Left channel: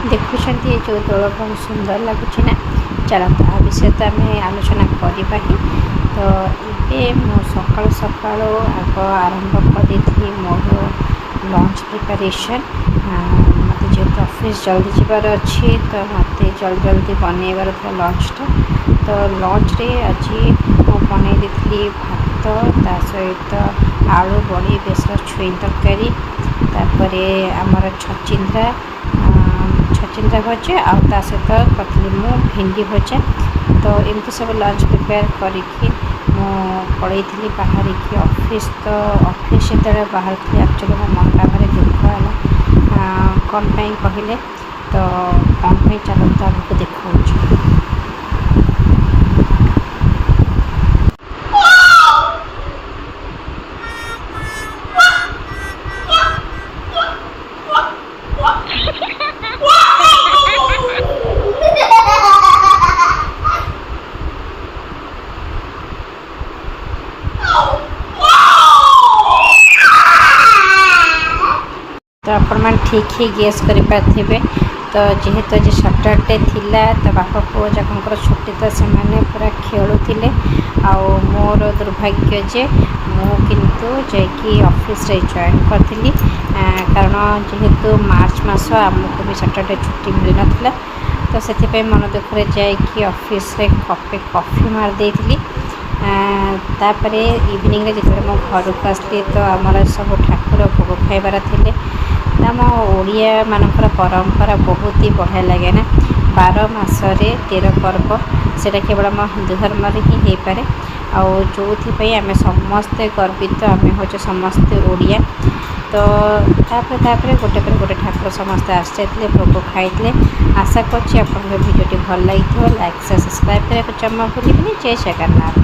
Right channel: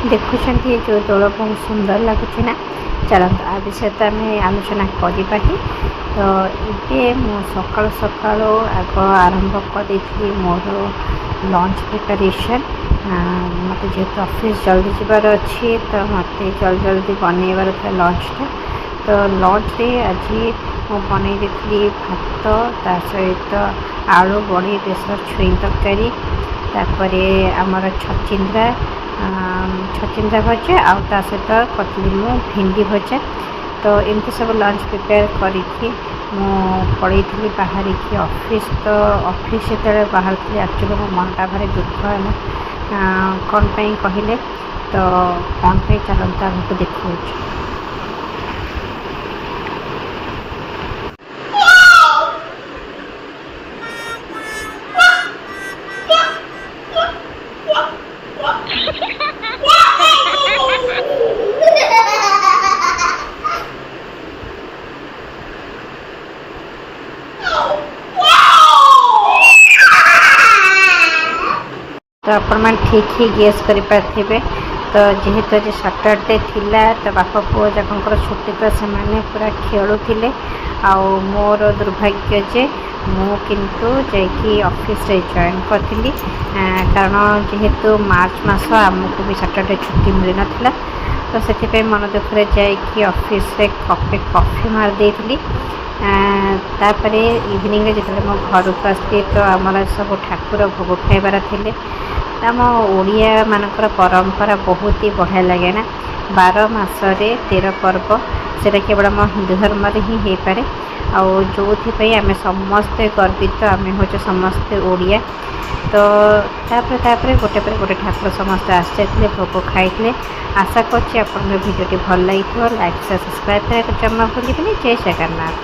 देखुं जो दोल बहुत सुंदर लगुच ना। चलते आ विषय तो आम आलोचना करवा ही। तो ये मु सकाल सकाल आग आरंभ कर मोर लंच प्रिपरेशन। मत जेहतु ऑफिस जल्दी जबार अच्छी तो मत जल्दी जल्दी बनइबार था लंचटा। तो लंच रे आज मुझे बनई भात ता सहित आलू बड़ी बेसर छुई तरकारी तापर आमर छचिंद्रा भजा आ सहित करी मु भिंडी भजा। तो एमती सब लंच प्रिपेयर करी पड़े थी बाहर की ऑफिस। तो ऑफिस जो बाहर थी एक्चुअली मो मनटा भारी दुख है कौन पाई कहले। तो कौन पाई चलता आगे देखा। तो आपण ठीक ही गेस करें। तो जेहेतु आज सैटरडे थिला तो बापा पुओ जाकर छुट्टी तो से मैंने पूरा खेलुले। मोर दुर्भाग्य जे मु किंतु जाकि ऑफिस रे जॉइन करी कारण जेहेतु मार्च मास आमको भी सैटरडे छुट्टी मिल नाला। तो से मन दुखरे जाकि ऑफिस रे कपे कॉफी मार देली। तापर इवनिंग रे जिते मो घर को आसली तो आमर सब ठाकुर भोग खाइबार थे। आम ओडिया मानकर परंपरा बहुत ही बढ़िया लगे ना। 12 मासरे 13 पर्व सेटा केवल आम हिंदू धर्म ही हो पाए। आम समस्ते गर्वित आम हूँ समस्ते ओडिया। तो तापर गोटे पर गोटे ठाकुर समस्ते आसते भोग खाई। आशा करछि आपन वीडियोटी भल लगी। लाइक से सब्सक्राइब करने को जमा भूलिए। जय जगन्नाथ।